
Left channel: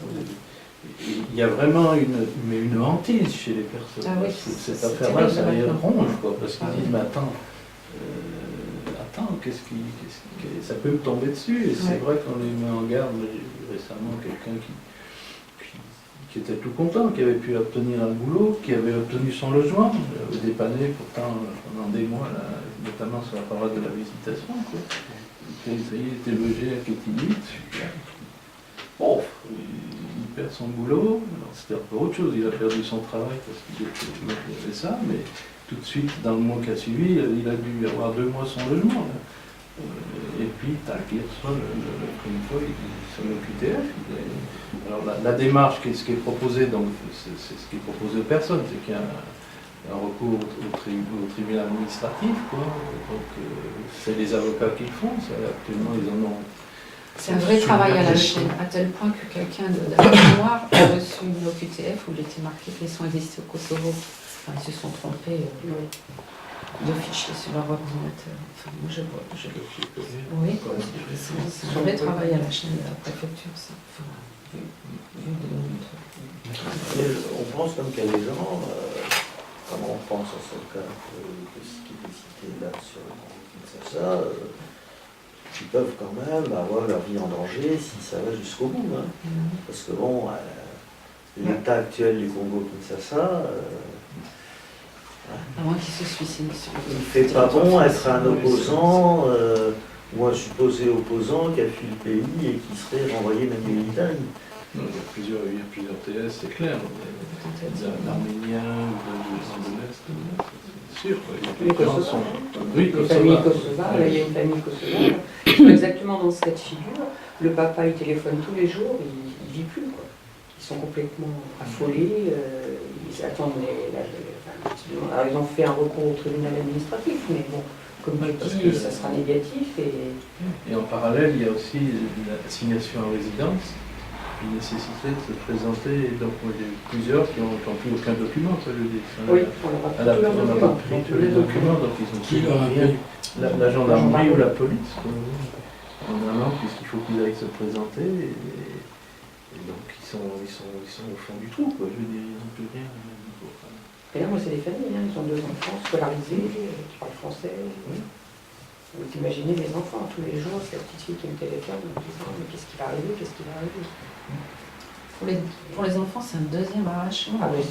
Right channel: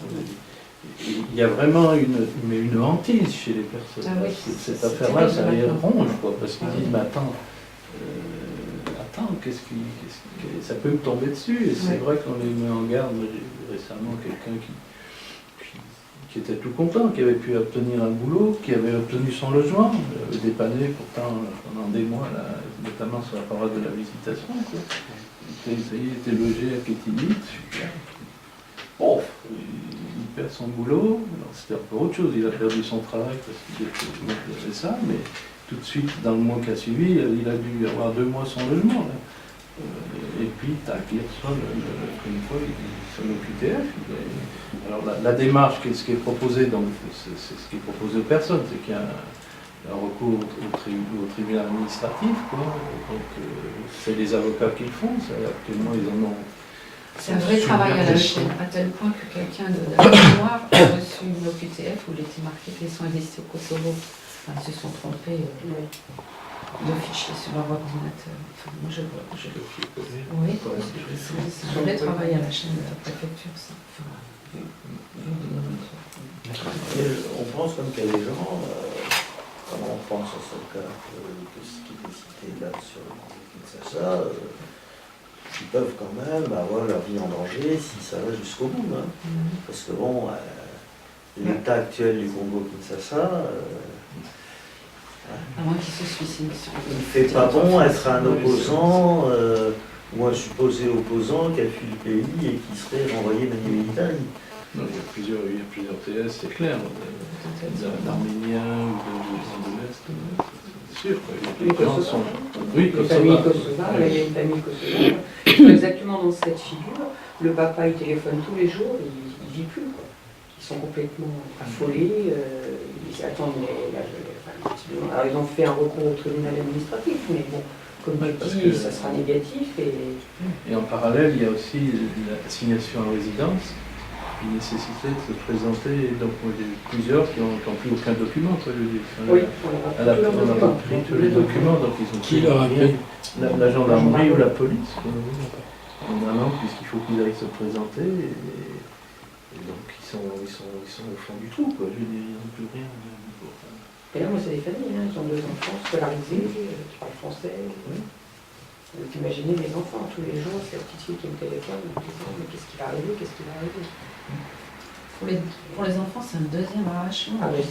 Il y a vraiment une hantise chez les personnes. Ah oui, cette affaire-là, ça les ronge, quoi, parce qu'ils disent, mais attends, ça peut me tomber dessus. Et c'est vrai qu'on les met en garde. J'ai vu récemment quelqu'un qui était tout content, qui avait pu obtenir un boulot, qui avait obtenu son logement, avait dépanné pourtant pendant des mois, là, notamment sur la parole de la visitation. Quoi. Ça y est, il était logé à Kétinit, super. Bon, il perd son boulot, alors c'était un peu autre chose, il a perdu son travail parce qu'il avait ça, mais tout de suite, dans le mois qui a suivi, il a dû avoir 2 mois son logement. Là. Et puis, tac, il reçoit, comme une fois, son OQTF. Alors, la démarche, ce qui est proposé, donc, c'est ce qui est proposé aux personnes, c'est qu'il y a un recours au tribunal administratif, quoi. Donc, c'est les avocats qui le font, actuellement, ils en ont. C'est un vrai travail à la chaîne, à tel point que quelqu'un de la mémoire a reçu une OQTF où il était marqué que les soins existent au Kosovo. Enfin, ils se sont trompés de fichiers sur leur ordinateur. Enfin, moi, je vois. Oui, c'est un vrai travail à la chaîne de la préfecture, ça. Enfin, vu de notre. On pense comme qu'il y a des gens, comme on pense à ce cas que ce qui était cité là sur le Kinshasa, qui peuvent quand même avoir leur vie en danger si ça va jusqu'au bout. Hein. Parce que bon, l'état actuel du Congo-Kinshasa, à moins qu'il se suicide. il ne fait pas bon être un opposant ou un supposé opposant qui a fui le pays et qui serait renvoyé manu militari. Non, il y a plusieurs TS, c'est clair. D'Arméniens ou de l'Est, c'est sûr. Les Kosovars. Oui, les familles kosovares, il y a une famille kosovare qui sont exactement dans ce cas de figure. Le papa, il téléphone tous les jours, il ne vit plus, quoi. Ils sont complètement affolés, ils attendent alors ils ont fait un recours au tribunal administratif, mais bon, comme tu dis, ça sera négatif. Et en parallèle, il y a aussi l'assignation à résidence. Il nécessitait de se présenter, donc il y a eu plusieurs qui n'ont plus aucun document, quoi, je dis. Oui, on n'a pas pris tous les documents, donc ils ont Qui leur a pris la gendarmerie ou la police, quoi, en allant, puisqu'il faut qu'ils aillent se présenter, et donc ils sont au fond du trou, quoi, je veux dire, ils n'ont plus rien, même pour... Et là, moi, c'est des familles, hein. Ils ont 2 enfants scolarisés, qui parlent français. Oui. Vous imaginez les enfants, tous les jours, c'est la petite fille qui me téléphone en me disant mais qu'est-ce qui va arriver, qu'est-ce qui va arriver. Pour les enfants, c'est un deuxième arrachement. Ah mais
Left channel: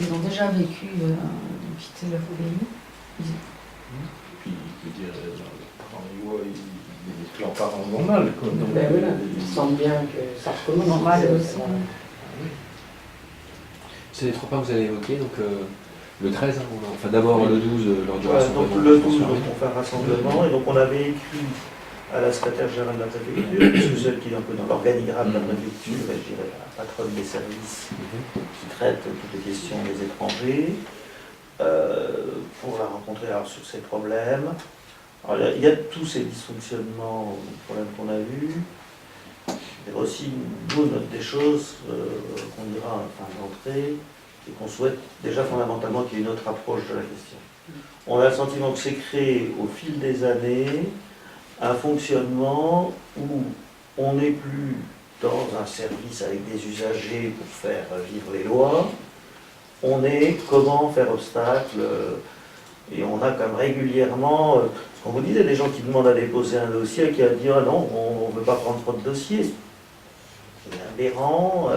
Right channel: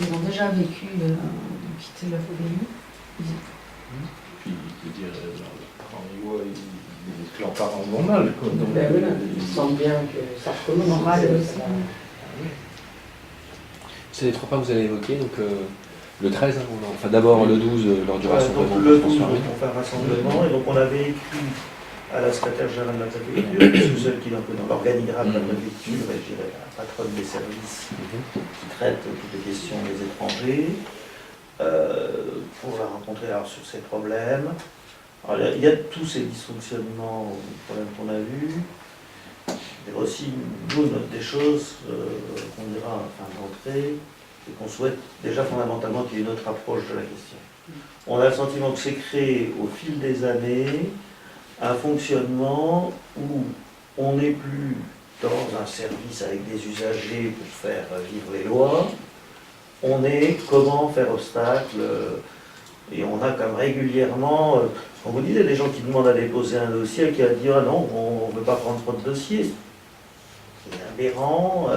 Ils ont déjà vécu quitter leur pays. Puis, je veux dire, leurs parents, leurs parents vont mal, quoi. Donc, ben voilà, ils sentent bien que ça recommence. Normal aussi. C'est les 3 points que vous avez évoqués, donc le 13, hein, enfin d'abord le 12 lors du rassemblement. Donc le 12, on fait un rassemblement, et donc on avait écrit à la secrétaire générale de la préfecture, puisque celle qui est un peu dans l'organigramme de la préfecture, et je dirais la patronne des services qui traite toutes les questions des étrangers, pour la rencontrer alors, sur ces problèmes. Alors, il y a tous ces dysfonctionnements, problèmes qu'on a vus. Il y a aussi, nous, des choses qu'on dira en fin d'entrée, et qu'on souhaite déjà fondamentalement qu'il y ait une autre approche de la question. On a le sentiment que c'est créé au fil des années un fonctionnement où on n'est plus dans un service avec des usagers pour faire vivre les lois, on est comment faire obstacle, et on a comme régulièrement, quand vous disiez, des gens qui demandent à déposer un dossier et qui a dit ah non, on ne veut pas prendre trop de dossiers. C'est aberrant.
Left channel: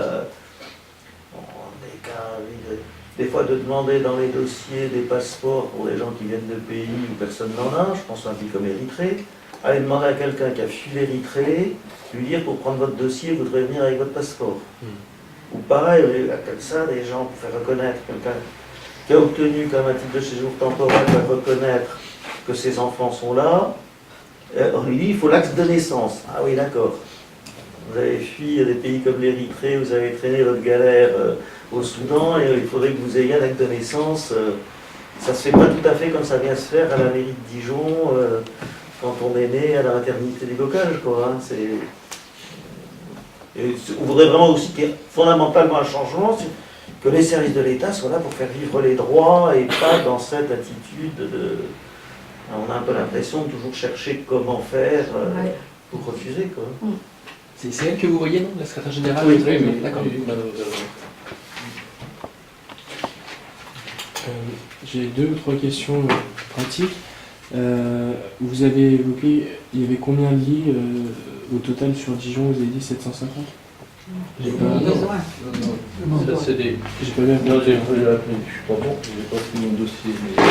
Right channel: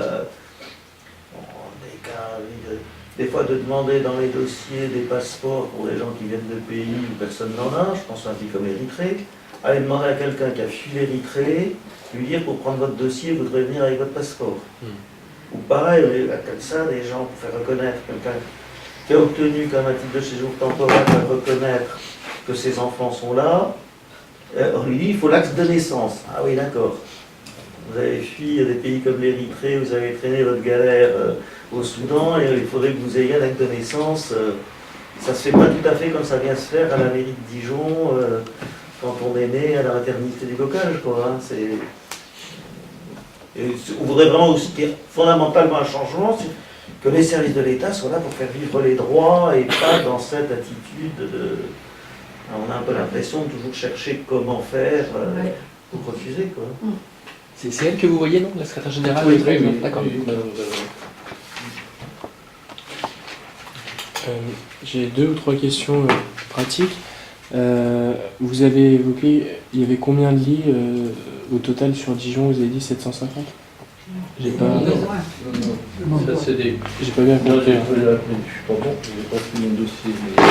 Des fois de demander dans les dossiers des passeports pour les gens qui viennent de pays où personne n'en a, je pense à un pays comme l'Érythrée, aller demander à quelqu'un qui a fui l'Érythrée, lui dire pour prendre votre dossier, vous devrez venir avec votre passeport. Ou pareil, comme ça, des gens pour faire reconnaître quelqu'un qui a obtenu comme un titre de séjour temporaire, faire reconnaître que ses enfants sont là, on lui dit il faut l'acte de naissance. Ah oui, d'accord. Vous avez fui à des pays comme l'Érythrée, vous avez traîné votre galère au Soudan, et il faudrait que vous ayez un acte de naissance. Ça ne se fait pas tout à fait comme ça vient se faire à la mairie de Dijon, quand on est né à la maternité du bocage, quoi. Hein. On voudrait vraiment aussi qu'il y ait fondamentalement un changement, que les services de l'État soient là pour faire vivre les droits et pas dans cette attitude de... On a un peu l'impression de toujours chercher comment faire pour refuser, quoi. C'est elle que vous voyez, non, la secrétaire générale? Oui, d'accord. J'ai 2 ou 3 questions pratiques. Vous avez évoqué, il y avait combien de lits au total sur Dijon? Vous avez dit 750? J'ai pas... Ça, c'est des... J'ai pas bien Non, compris. je suis pas bon, je n'ai pas fait mon dossier. Mais...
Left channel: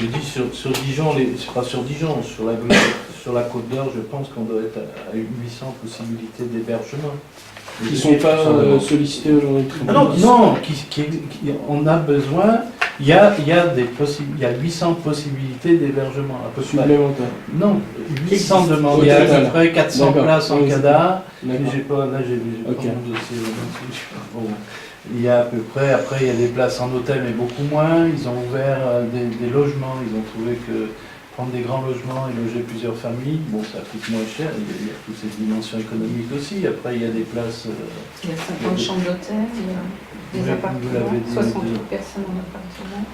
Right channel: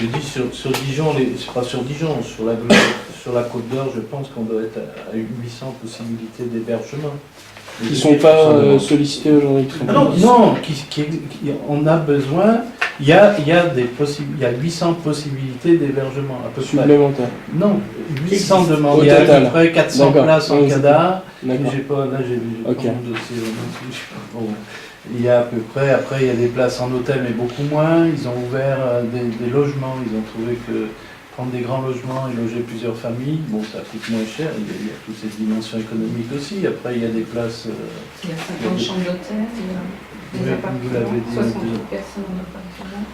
Je dis sur Dijon, c'est pas sur Dijon, sur la Côte d'Or, je pense qu'on doit être à 800 possibilités d'hébergement. Ils ne sont pas sollicités aujourd'hui. Ah non, on a besoin. Il y a 800 possibilités d'hébergement. À peu près. Supplémentaires. Non, 800 demandes. Il y a à peu près 400 places en CADA. D'accord. J'ai pas Ok. mon dossier. Bon. Il y a à peu près, après il y a des places en hôtel, mais beaucoup moins. Ils ont ouvert des logements. Ils ont trouvé que prendre des grands logements et loger plusieurs familles, bon, ça coûte moins cher. Il y a toutes ces dimensions économiques aussi. Après, il y a des places. Il y a 50 chambres d'hôtel, il y a des Oui, appartements, vous l'avez dit, 68 personnes en appartement.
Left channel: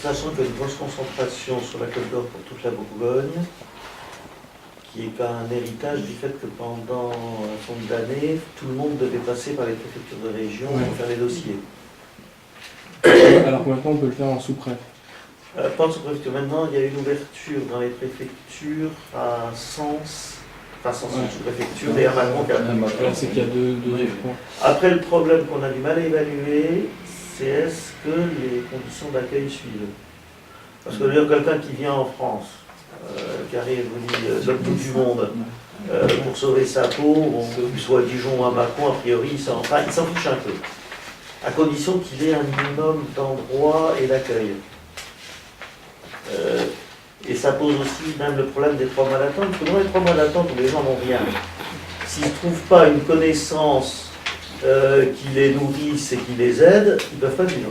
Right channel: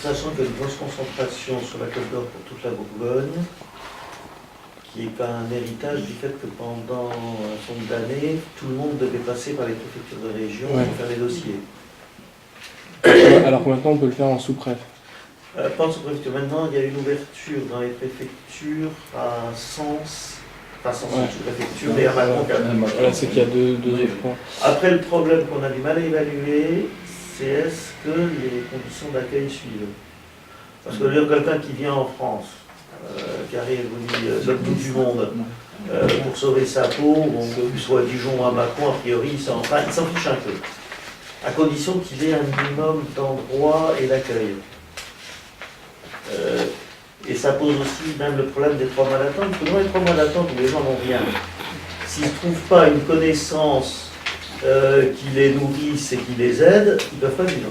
Sachant qu'il y a une grosse concentration sur la Côte d'Or pour toute la Bourgogne, qui est un héritage du fait que pendant un certain nombre d'années, tout le monde devait passer par les préfectures de région pour faire les dossiers. Alors que maintenant on peut le faire en sous-préfet. Pas en sous-préfecture. Maintenant, il y a une ouverture dans les préfectures à Sens, enfin Sens sous-préfecture, et à Mâcon. Voilà, c'est qu'il y a deux points. Après, le problème qu'on a du mal à évaluer, c'est est-ce que les conditions d'accueil suivent. Parce que là, quelqu'un qui vient en France, qui arrive, vous dit, de l'autre bout du monde, pour sauver sa peau, bon, qu'il soit à Dijon ou à Mâcon, a priori, il s'en fiche un peu. À condition qu'il ait un minimum d'endroits et d'accueil. Et ça pose aussi même le problème des 3 mois d'attente, parce que dans les 3 mois d'attente où les gens n'ont rien, s'ils ne trouvent pas une connaissance qui les nourrisse et qui les aide, ils ne peuvent pas vivre.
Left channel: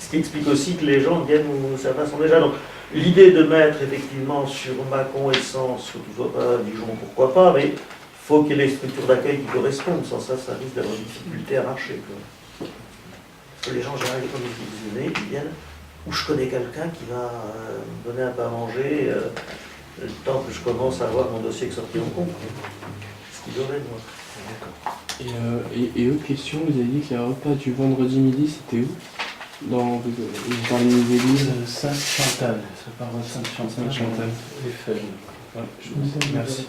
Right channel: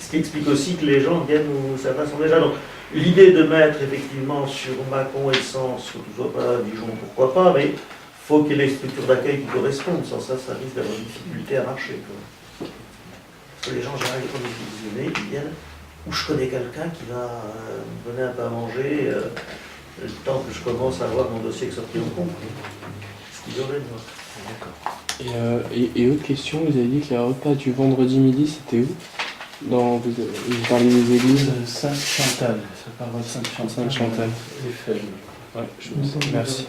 Ce qui explique aussi que les gens viennent où certains sont déjà. Donc l'idée de mettre effectivement sur Mâcon et Sens, que tout soit pas Dijon, pourquoi pas, mais il faut qu'il y ait les structures d'accueil qui correspondent, sans ça, ça risque d'avoir une difficulté à marcher. Quoi. Parce que les gens, en général, quand ils viennent, ils viennent où je connais quelqu'un qui va me donner un peu à manger le temps que je commence à avoir mon dossier qui sorti en compte. Ce qu'ils auraient de moi. D'accord. Et autre question, vous avez dit que les repas du vendredi midi, c'était où? Vous parlez des églises? Sainte-Chantal, ça part à Sainte-Chantal. Sainte-Chantal. Eiffel. Ouais, merci.